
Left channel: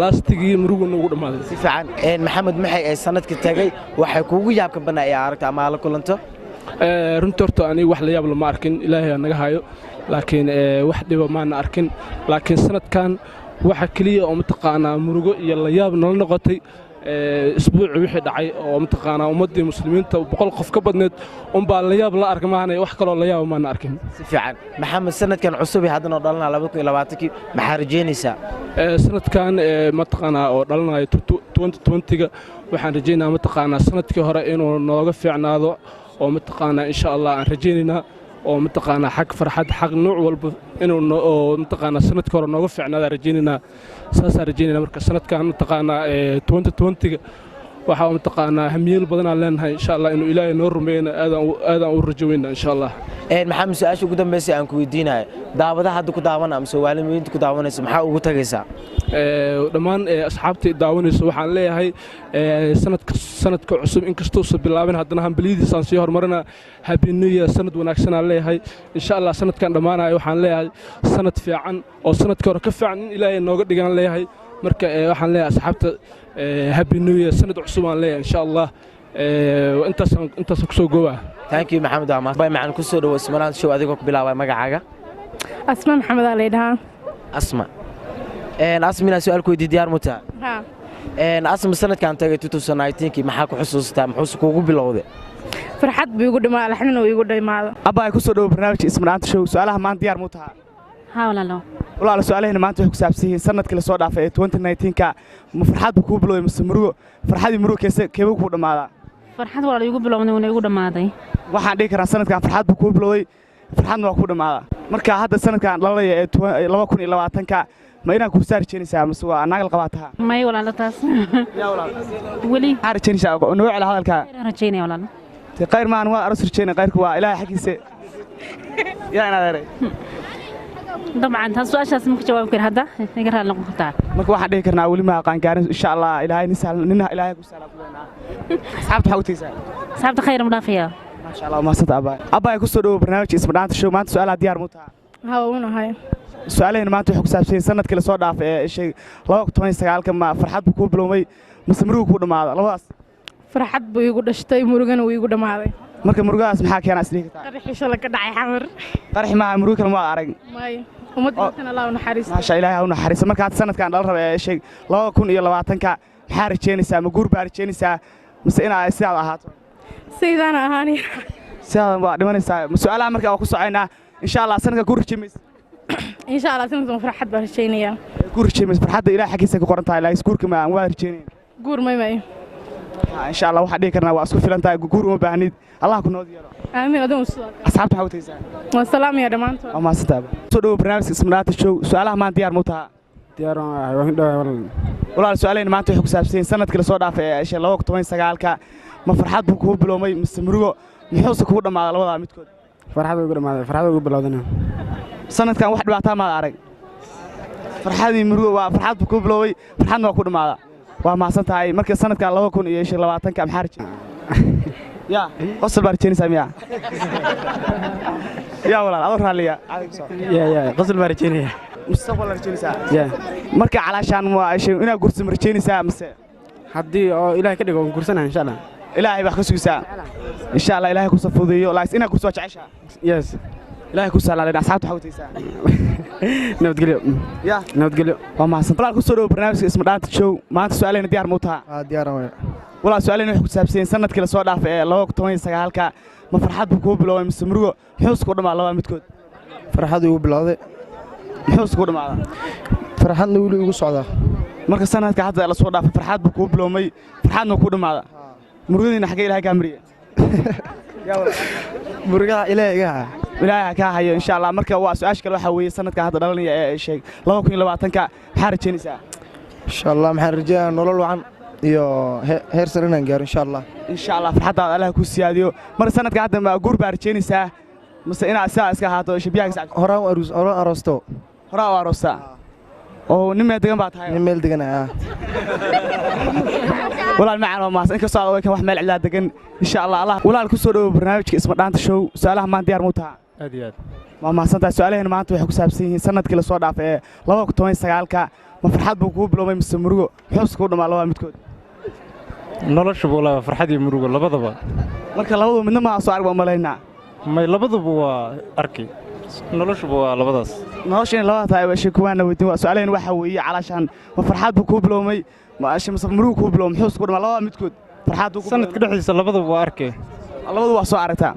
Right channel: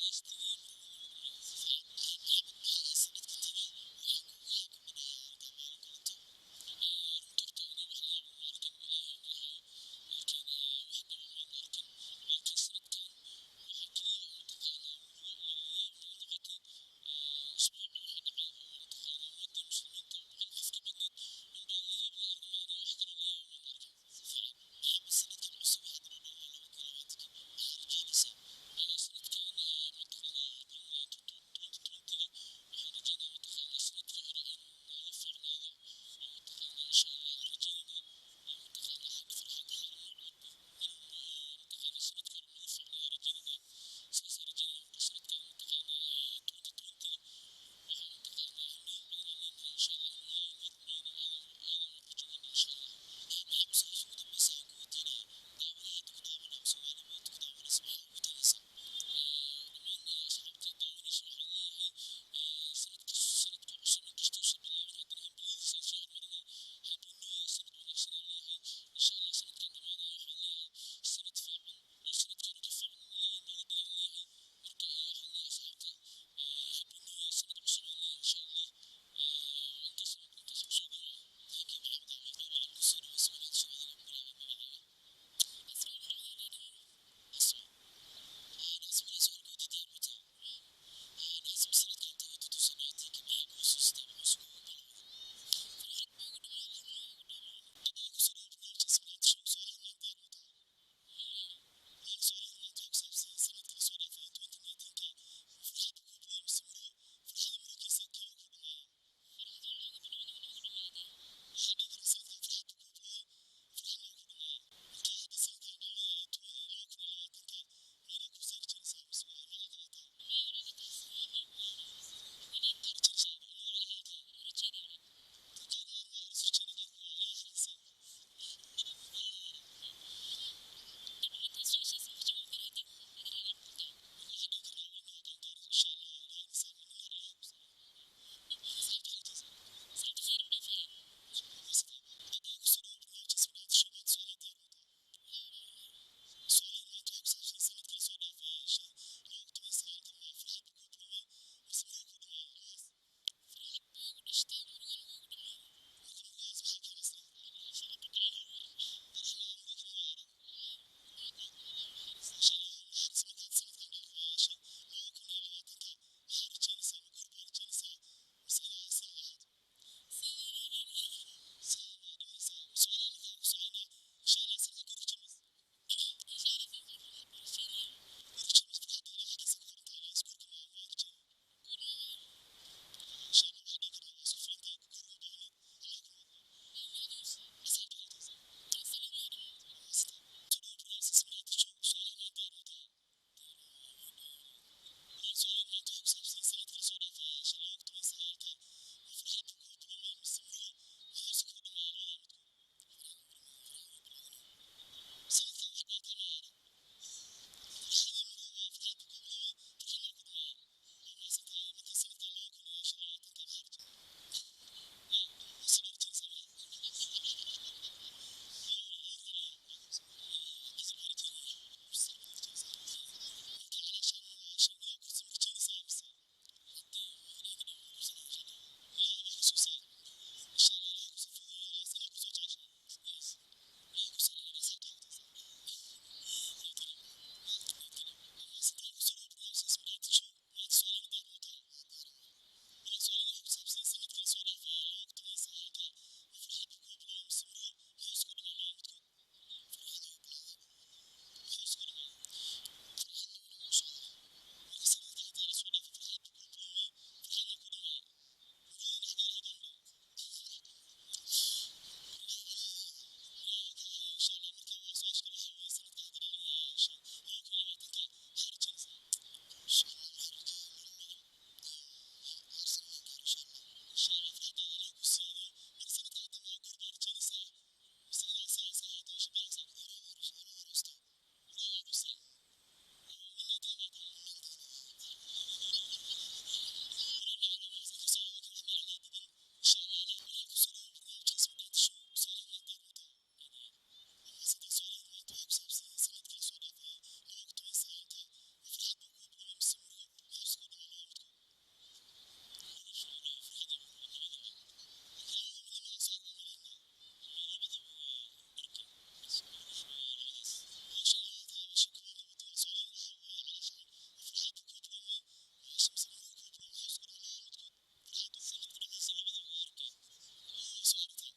laastigii murugo noogu dhamaado si fiican maxamed maxay ay sanadka tagay waxay kuugu yaabka banaa ay aragtay ama la kulanto runtii horta aniga wax la yaab lama arkin ilaahay naga hayo laakiin wax dhiba maana arkin laakiin sanadkan waxa kaliya oo mataqaanaa murugo iyo la yaab nala noqotay isbuuci wixii dhacay oo mataqaanaa ummadii muslimiinta boqol qof ka badneed baa la yaab la arka maana wax kale oo la yaab maana arkin si fiican maxamed sanadkan cusub haddana dhalana 2020 maxaa rajeynaysaa sanadkan mataqaanaa oo dhalanayo 2020ga waxaan rajeynayaa mataqaanaa sanadkii hore inuu nooga fiicnaado oo mataqaanaa insha Allah aan rajeynaynaa oo mataqaanaa xaq farxad xaq nooc walba inuu oo mataqaanaa sanadkii hore nooga fiicnaada rajeynaynaa saas rajeynaynaa marka sanadkan mataqaanaa 2020ga waxa mataqaanaa hamiyeel badan aan leenahay insha Allah inuu Ilaahay noo rumeeyna aadaan u rajaynaa insha Allah maxamed su'aasha ugu dambeysay aan ku weydiinayo daawadaha hadda ku daawanaa ama Soomaaliyeed ku daawanaysa maxaa ugu tagaysaa dhammaan asxaabta daawanaysa waxaan leeyahay sanadka cusub inkastoo soo bilaabeen haddana hambaliyadiisa aan sii horumarina happy new year sanad wanaagsan aan leeyahay insha Allah sanadkan dhamaanayo waxaan leeyahay sanad fiican oo sanadkii hore ka fiican in Ilaahay nooga dhigan leeyahay marka waxaan leeyahay asxaabta happy new year sanad cusub aan leeyahay insha Allah intaas ku soo goobaa thank you maxamed Ahmad bay macaan ku soo dhawo ismanaan show adigoo ku bilaabay magacaaga asma maxamed ali dhahan asma asmina su'aal ku weydiin diyaar mutaa asma sanadkan tagay 2019 maxaa ku xusuustaa muxuu kuugu bilowday farxad buu igu dhimaa laxnin uu igu dhimaado abba ay ku soo dhawo barnaamijka ismanaanta show su'aalaha maanta diyaar mutaa walaalo su'aalaheena maanta waxay ku saabsan yihiin sanadkii la soo dhaafay 2019 ka ma farxad buu kuugu bilowday mise murugo farxadii murugo keebuu ku dhamaadaa farxad walaal igu bilowday wana igu dhamaaday waxaan dhihi karaa sanadkan farxad buu kuugu bilowday farxadna waa ku dhamaadaa marka hadda sanadkan dhalaya ee 2020 ka ma inaan ku saarjeynaysaa mise waa anaga qabaataha may walaal taas yaa walaal wali harjeynaysaa noo ceel hadalka rajeynay walaal qayr maan waa aroos rajeynay qayrku waa ilaahay xaqiisa yaa ina deeray طبعا taas su'aashaas ma ka jawaabi karo hadda iga raali noqon kartaa marka waxaan dhihi karnaa wali ma aqaan gaarin insha Allah ilaahay nina ilaahay ku salaam kuleena asxaabta xawtiisa asxaabta khayr mudaafiya ma sha Allah ma sada abba ay ku soo dhawo barnaamijka ismadaanta show maanta su'aalaha diyaar mu tahay haa unahay su'aalaheena maanta waxay ku saabsan sanadkii la soo dhaafay ee shay 2019 ka ma farxad buu ku bilowmay mise murugo ku dhamaada labadaas farxad buu igu dhashtay murugana wuu igu dhamaaday marka murugadaas maxaa keenay isdhihi kartaa qarxi shala ka dhacay xamar qarxi ma murugo kale ma arag may ummaddiisana allah u naxariisto maasha ilaahay ha u naxariiso markaad sanadkan dhal raba ee sheeg 2020ka maxaa rajeynaysaa ma guur baa rajeynaysaa mise inaad sidaad ahaato sidaana ahaani sidaad waa dhimanaysaa su'aalaha markaa waa ku socoynaa insha Allah sanadka guur rajeemaysa insha Allah sanadkan farxad baan rajeynayaa guur rajeemaysa farxadda ilaahay xaqiisa ku qoran tahay laakiin guurka ma aan waa rajeynayna guur may insha Allah waxa dhigi karnaa waa isku filan tahay guur uma baahnid Allah ku nood yeelo aamin adoo soo asxaabta waxa u taysaa waa salaam ya dhamaantood waa maasantaaba soo dhaw barnaamijka ismanaata show su'aalaha maan diyaar mu taha diyaar waan dhawaay walaal su'aalayn maanta waxay ku saabsan sanadkii la soo dhaafay ee 2019ka ma farxad buu ku biloomay mise murugo muxuu ku dhamaaday labada midkood farxad ugu bilowdana sanadkan wax dhibaato ma arag farxadii murugo waa farxad buu ku bilooway farxadna waa ku dhamaaday waa maasan tahay markii sanadkan 2020ka maxaa rajay ya qosol baa rajaynaysaa miya ya walaal adoo raaliya ya qosol baa rajaynaya mustaqbal rajaynaysaa marka calaashaan waa inaad gursi rajaynaysaa mise haddii oo ilaahay ka dhigo gursanahay insha Allah ilaahay wax ka sugaysaa insha Allah ilaahay ku safuudiyo laakiin inaad gursi waa jeceshaa yes ilaahay ku salaaleen asxaabta waxa u taysaa nabadgelyo ya nabadgelyo waa maasan walaal ku soo dhaw barnaamijka isma dhaanta show maanta su'aaleena diyaar mu taha diyaar ah walaal su'aaleena wax ku saabsan sanadkii la soo dhaafay ee 2019ka ma farxad buu ku bilooway mise murugo muxuu isku dhamaa laba midkood farxad ugu bilowday muxuu isku dhamaa farxadna wali ugu socdaa marka sanadka hadda la soo dhaafay farxad buu ku biloomay farxadna ku dhamaada murugadiina xagee ilaahay ka mariya ya walaal murugaha ilaahay ka hayo insha Allah marka waa su'aash kale waxa weeye sanadka hadda dhalanaya ee sheeg 2020ka maxaa rajaynaysaa insha Allah maxaan rajaynayaa nolol wacan iyo heer sare inaan gaaro insha Allah farxadaada Allah ku siyaadiyo mar sanadka hadda ma guur baa rajaynaysaa mise inaad sidaa iska ahaato shabiyaha horaan aroosto oo nin meel degan baa tahay nin meel degan walaal macaan oo maas in ka soo kan wax meel cilaa degan insha Allah walaal ku soo dhaw barnaamijka isma dhaanta show su'aalaha maan diyaar mu taha aad iyo aad waa maasantaa su'aalaheena maanta waxay ku saabsan yihiin sanadkii la soo dhaafay ee 2019ka ma farxad buu ku biloomay mise murugo muxuu isku dhamaa labada midkood noloshu waa farxad iyo murugo labadaba marka labadu midna ma soo arag malaynaa may labaduba waa arki noloshu waa labadaas noloshu in labada tahay waa kuwaana weydiin waa su'aalaheena waxa weeye calaashan ma farxad buu ku biloomay ma mise murugo ku biloomay muxuu isku dhamaa labada midkood farxad uu ku sanadka dhexdiisa labadaba waa arki labadu waa soo aragtaa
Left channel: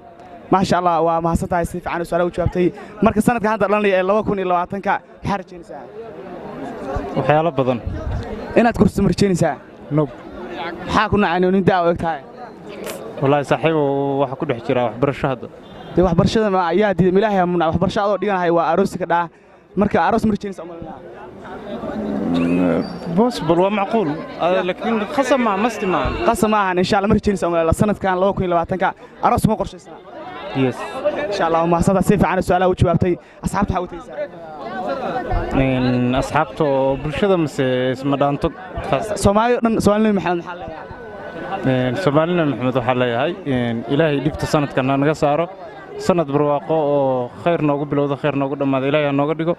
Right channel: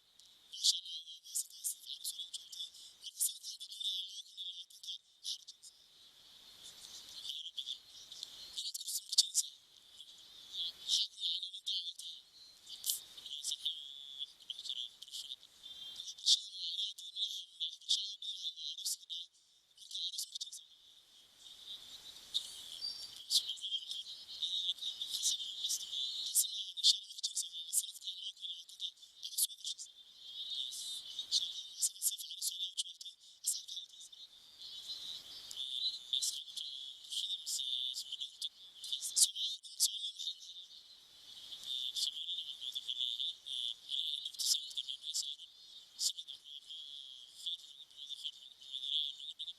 maasha Allah waa mahadsantahay si fiican su'aalaha u jawaabtay marka sanadka hadda dhalanaya ee 2020ka maxaa rajaynaysaa waxyaalo badan inaad kursi marjaynaysaa nob maxaa ku nacay nin daa og tahay wallahi saaxiibo waxa ku dhex jira waxbarasho hadda waxbarashada ma ayaa diiday ilaahay amuna waxbarasho adoo dhiganahay waa aroos ka dhaa marka aroos marjaynaysaa possible waa macquul laakiin qasam ma isticmaal qasam ma ahan insha Allah marjaynaysaa sanadkan 2020ka aroos ma qorshaysana yes insha Allah ma sada si fiican su'aalaha u jawaabtay asxaabta waxa u taysaa asxaabta bulshada mise isma dhaanto Soomaaliya maxamed maxaa leeyahay Soomaalina maxamed waxa leeyahay ilaahay dhibta sanadkan naga saaro sanad barwaaqo oo khayr noogu bilowdo khayr noogu dhamaado ilaahay nooga dhigo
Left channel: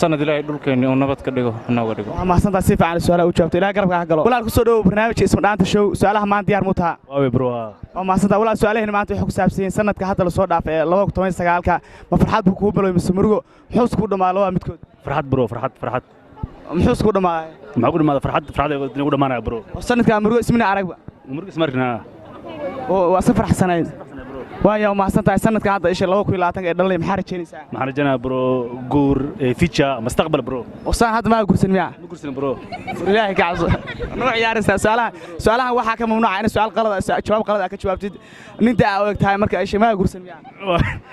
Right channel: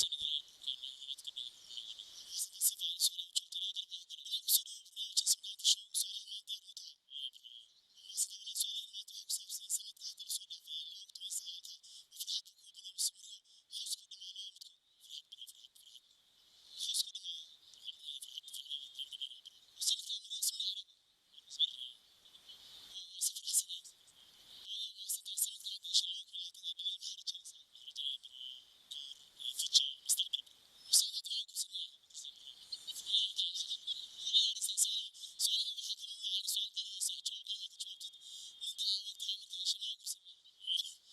sanad ilaahay dhulkeena uu nabad ka dhigo nooga dhigo waa mahadsantahay si fiican su'aalaha u jawaabtay ilaahay garabka ka galo walaal ku soo dhaw barnaamijka isma dhaanta show su'aalaha maan diyaar mu taha waa bro waa mahadsantahay walaal su'aalaheena maanta waxay ku saabsan yihiin sanadka hadda la soo dhaafay ee 2019ka ma farxad buu ku biloomay mise murugo muxuu isku dhamaa labada midkood farxad bro farxad muxuu isku dhamaay maxaa ku dhamaada farxad ugu dhamaanaya bro sanadka murugo ismina aragba murugo ismarkina oo waa safar xasanayd waayo mahadsantahay sanadka hadda 2020 ee dhalay maxaa rajaynaysaa maxaa rajaynayaa bro guur future mustaqbal bro wasaan hadda ma guursan miya ma guursan bro ilaahay ka cabso noo ciyaaraysaa su'aalaha waxa ka mamnuuca in su'aal qalad jawaab qalad ka jawaabtid ninta aad og tahay marka ay ma guursan miya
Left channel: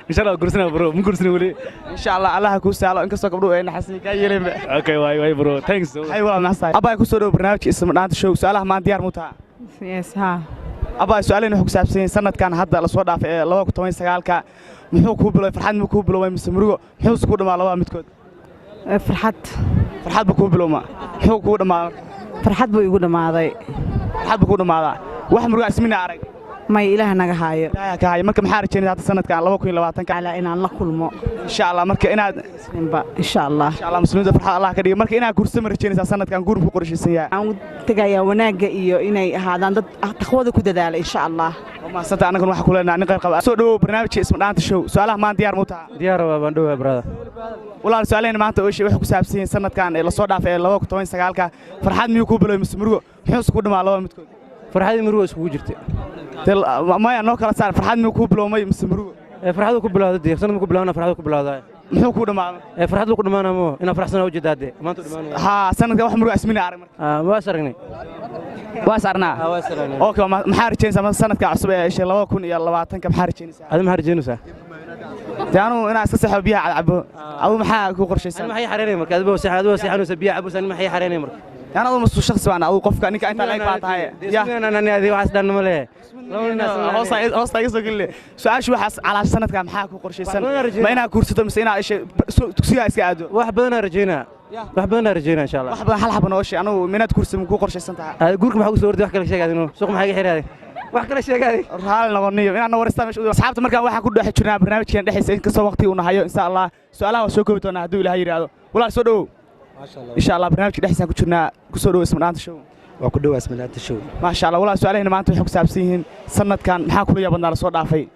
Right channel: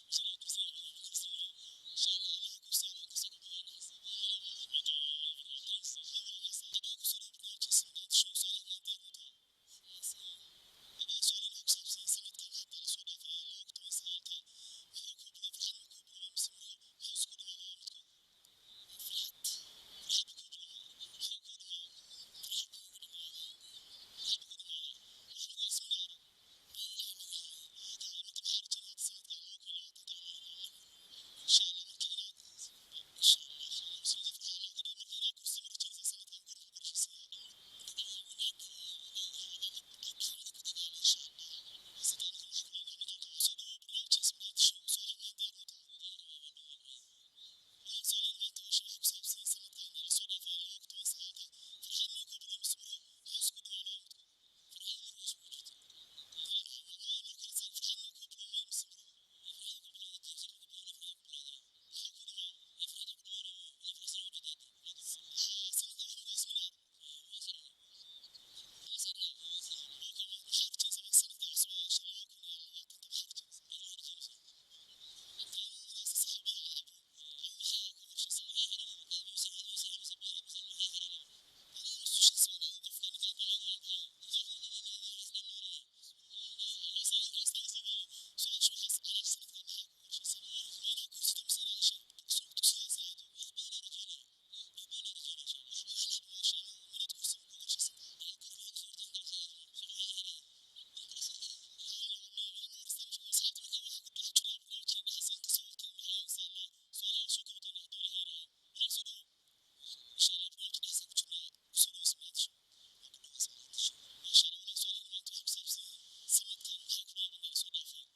insha Allah guursanaa bro ma guursan wali insha Allah Allah ku saalo in kasto gabdho ay naxasin ka yeeleen okay way bro thanks hay walaal naxay abay ku soo dhaw barnaamijka isma dhaanta show su'aalaha maan diyaar mu taha yes ha abaa su'aalaheena waxay ku saabsan yihiin sanadkan hadda la soo dhaafay ee 2019ka muxuu ku biloobay farxad ma ku biloobay mise murugo muxuu isku dhamaa labada midkood farxad buu ku bilooma muxuu ku dhamaa farxad buu igu dhamaaday farxad buu ku dhamaadaa wax murugo ismina arag may ilaah naga haayo ilaaha ka haayo marka maxaa rajaynaysaa hadda sanadkan 2020 ala inaan la kulmo insha Allah marka inaad insha Allah muslimiinta farxad Allah ka dhigo marka inaad guursamo rajaynaysaa sanadkan guur ku qorshaysan yahay aan tagayaa wanaaga iyo inay ahaadaan dad taqwada ku dadaala insha Allah ma santa anagu waxa ku leenahay nin qayb qaba soo dhaw barnaamijka isma dhaanta show su'aalaha maan diyaar mu tahay diyaar waa baan dhaw brother walaal su'aalaheena maanta oo waxay ku saabsan yihiin sanadkan ee la soo dhaafay 2019ka farxad miyuu ku bilowday mise murugo muxuu ku dhamaa laba midkood farxad murugo isku jirtay maya noo kala saar farxad miyuu ku bilowmay mise murugo farxadu ku bilowday sanad ku bilowna farxadu ku bilowday muxuu ku dhamaa farxadu ku dhamaanamo ina farxsana u jeedaade maanta dhamaanay ha sanadka wax murugo asmina arag marka waa saragnay waa sarnaa okay maxaa rajaynaysaa sanadka cusub ee 2020 ka maxaa rajaynaysaa adama maxaa rajaynaysaa taanu ina iska saxo biyaha cabo adu maxaa ku qorshaysan maxay xareynay marka adaba saxanaysa biyaha cabo san maxay xareynay marka يعني أنا مش شخص أنا أو قف كأنك أنت لايك بعدها يا أنا هذه واحد دان ماله هوس يسوق لي سؤال شو حس على سنة كم حاك وقرشي سنة ما أنا كورسة مسينا إيش تكسيها إيش قاعدوا واحد بدنا رجينا واحد بدنا رجينا إن شاء الله واحد حل حبنا وش أنا منات كورسة من قرشي سنة أقولكم حقول صور ده أحكي لك شيء قاعدين سوق محاجة حير هذه واحد كل شيء قاعد هذا نغنيه أنا ورثت مش أصحابته مركب واحد كله حكينا برنامج كان دحين سين كسر وقتي ونهاية إن شاء الله سؤالها وشوكو بتونا هدول لهاي هذا ولا سودو إن شاء الله برنامج دحين كنا كسر اسم نانت شو وكله اسم نانت شو ما شاء الله ولا سؤال هنا ما أنتم حكوا سابسين سنة كان حاكوا يا بندر صوت عفي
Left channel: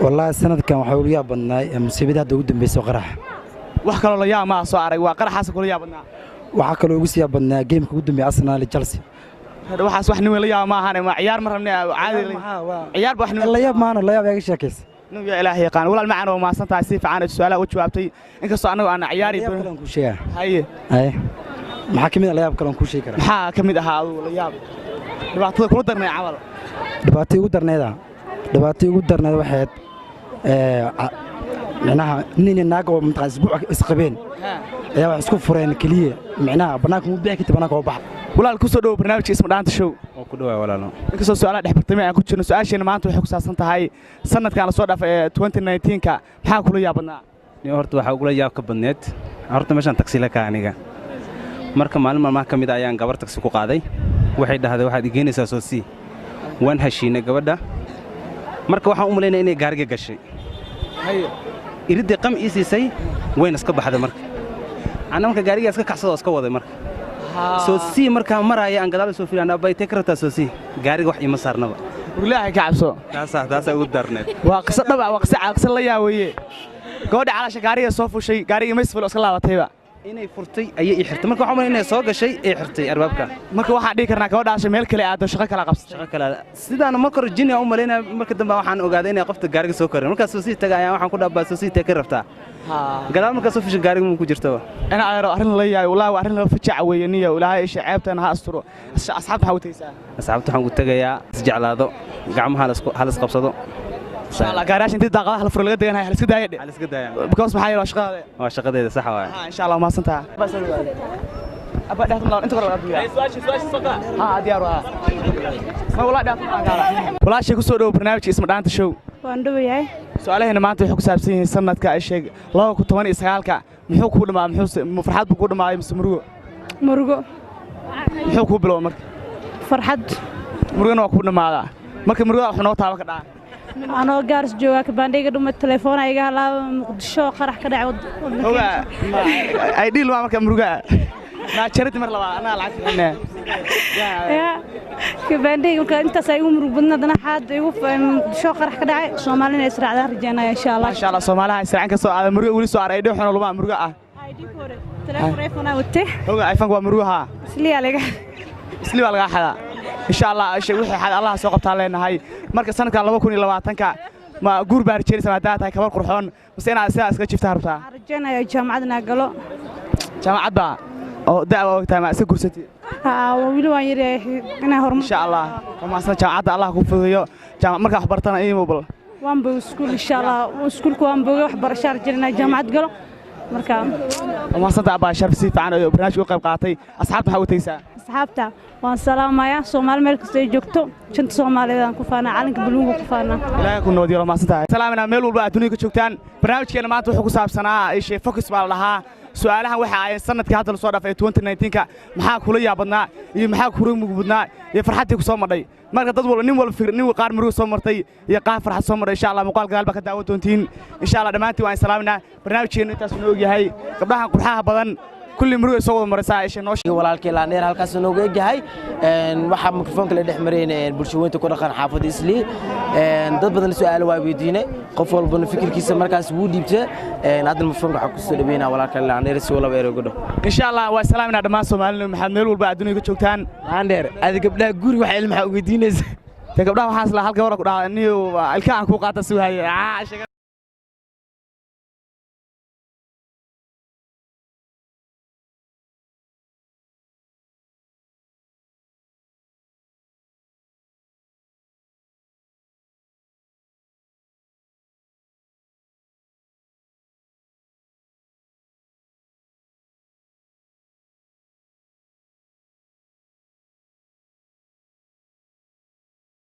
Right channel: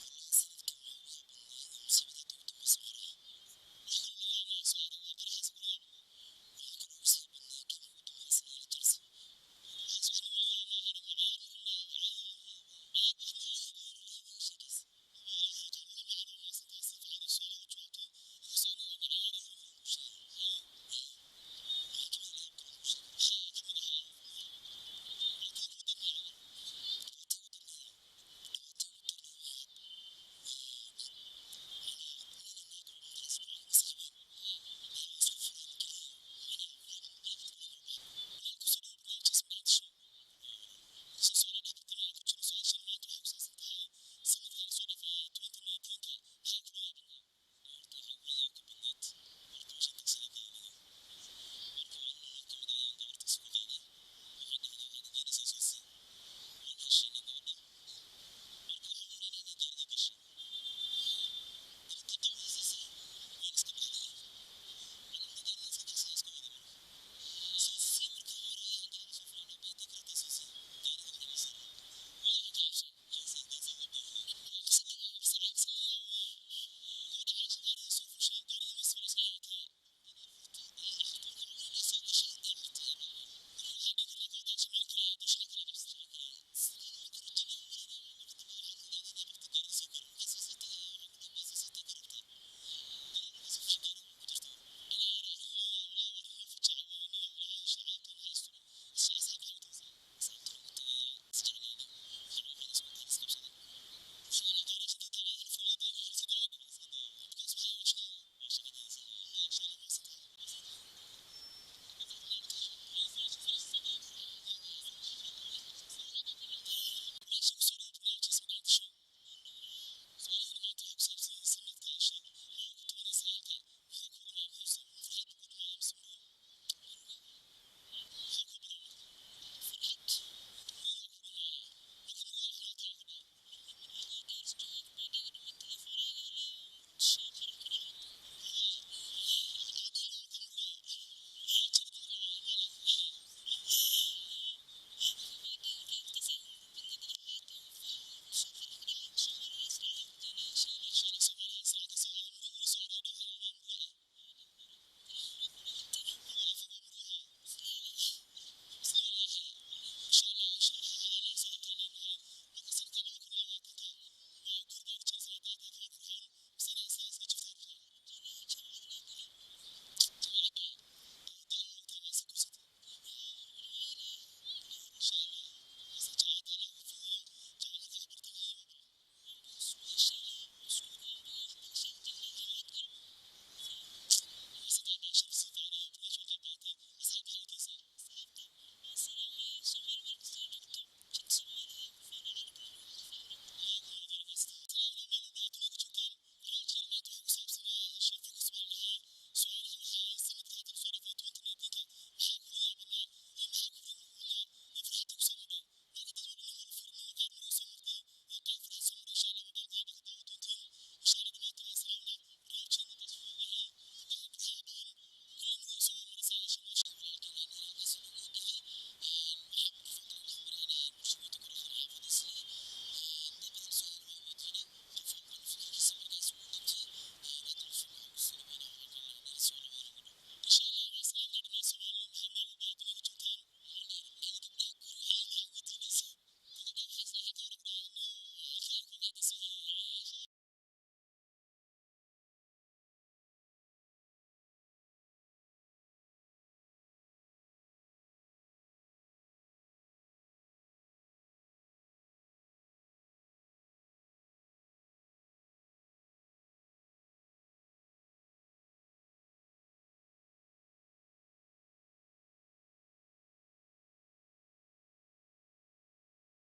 والله السنة كان وحول يا بندر مسيبها دود بيسو قرح وحكوا له يا ما صار وقرح حاسك يا بندر وحكوا له يا بندر جيم كود بأرسنال لتشيلسي هذا واحد صح نوي يا ما هنا ما عيار مرة من عادي عيار بوحنا الله ياب معنا الله ياب يا شاكس نو يا إلهي قان ولا المعنى وما صنت عسيف عن السؤال وجوابتي إنك صانو أنا عياري كلام كل شيء هاي محاكم الله ياب كلام كل شيء كلام محاكم هذا ولا ياب دبعتي قدرنا عمل دبعتي قدرنا هذا دبعتي قدرنا واحد معناها نين الناقة ومتع أسبوع إسقبين يا اسكو فرين كليه معناها بناك مو بيحكي بناك وبحر ولا الكسر دو برنامج اسمه دانت شو وكدوا ولا لا inkastoo su'aalaha dhex bartamay aan ku jirno su'aashayna maanta waxay ku saabsan tahay sanadkan la soo dhaafay 2019 ka maxaa kula yaabnaa ni horta waxa ugu yaab ka badneed horta meeshan taxi la ka aniga marka maalin maalmaha kamid ayaan gabar taxi ku qaaday waxay dhahday waxaad igeynaysaa soo si waan heshiinay gabadha marka waxaan u maleynaa inay gaariga gashay iridii qam iisisay wayn iska baxday marka ana marka gaariga iska kacsado iska waday marka soo si marka maraya aan gadaal soo fiirana bay tekrata soo si gaariga wax ima saarnaba ilaahay ka cabso taasa ugu darneed waa qisa dhab ah waa qisa la yaawaye gabadha calaasha gaariga soo fushay gaariga ma isfilo iska laabatayba inay furtay ayay i xirtay marka waxaan inay soo gashay ee xirtay arbaabka marka waxa dhigi karnaa gabadhaas meel kale aado shaqo kala qabsatay shaqo kala sidaan marka Virginia u maleynaa marka dambe waxaan ogaaday inay qofta gaariga soo koray marka soo sii tagayaan waxaan ku dhaabaa soo sii tagay rabtaa gadaal marka soo fushay gaariga ku jirto ana ayro arrin la yaay wallahi arrin la fajac weeyaniyo ilaahay shacaabtana ha asturo asxaabta waxa u taysaa asxaabta waxaan ku tagayaa isjeclaado gacmaha halis qabsado inshallah gaarash intii daaqadaha la furo laga deganay hal iska daayay because maxay waa shaqadeeda waa shaqadeeda sax waa inshallah ma santaa aba dhaxtan inta kor laga biyaa su'aashi saqa ha diyaar waa ma wala dhaxtan gaara wala shay ku soo dhaw barnaamijka isma dhaanta show waan dhawayahay su'aalaheena maanta waxay ku saabsan yihiin sanadka ay sheeg 2019 ka muxuu ku dhamaa muxuu farxad ku dhamaay mise murugo muxuu ku bilow marka farxad murugana waa ku dhamaada marka murugo wax noo taaba ka dhaa anoo gaaris jooga ka baandhayga dhuma telefoon ayga halaaba muqdisho qarax ka dhacay ay dhil waa marka murugo ما شريت مرة لبعض أنا لعبت هنا يا كبندي يمكن أنت سايقوم ربنا دنا حد يوقف شو قرح كده سومالنا يسرع ده رجعنا إن شاء الله إن شاء الله سومالها يسرع عنك سو على مرق ولي سو على يدهم حنا لبعض مرقة تلفون وته هو آيفون ومرقها سلي عليك سلي على حدا إن شاء الله شيء وحي حد الله سوق بتعلينا هاي مركز سنة كان لبكون إلا واتنك ما جور بارجيري سمعتها هاي كبار قرحون بس أنا أساس كشيف تعرفها رجعنا يا جامعتنا قالوا جامعة بقى أو دعوة وقتها ما سكر ستي ويلو يري أنا هرم إن شاء الله وما أصلا جامعة الله كوفيه جامعة مركز حبرتنا إيه موبل وان بسكول إن شاء الله وسكول كوان بوجي وحبر شهر جرنا جامعة قالوا مركز وما أصلا أبغى شرف سيف عن برنامج وقف قاطي أصحابنا حاوتيسا أصحابته وان سلام يا سومال مركز يجوكتو شنت سومال إذا كفانا علنك بلوغ كفانا لا يكون نودي ولا ما أصلا سلامنا ميل والبعد دنيا كشوكتان برنامج كنا ما تروحوا كسب سنة إيش فوكس بالله su'aalahan waxa ay sanadkii hadda la soo dhaafay 2019ka maxaa kula yaabadnaa iyo maxaa kula mugudnaa iyo farxadii ku soo madhay marka dad walba nin walba nin qaar murugo soo martay iyo qaar farxad soo maray insha Allah muuqaal gadaal ba ka daawan doontiin insha Allah dhamaantii waan salaaminaa barnaamijkeena intaas noo ogyahay gabdhaha qurxaha badan كل مرة يسوي مرسا إيش نوش walaalkay laaneer halkaas nooga egahay waxa mikrofoonka la dhexmareen bulshooyinka ku dhaqan xaafad isli dad badan su'aalo waa weydiinay qof walba fikirkiisa markaas wuu dhiibtay hadda mikrofoonka waxa ku soo dhaweynaa walaalkay laaneer si wala weero gudho insha Allah waa salaamina dhamaan Soomaaliyeed maxamed meel walba adduunka joogtaan laaneer aad gabdhaha guri waxa ilmaha weydiinaysa gabdhaha waxaas la hal gabar ku dhahay inuu ilkaan ku qaata si wahay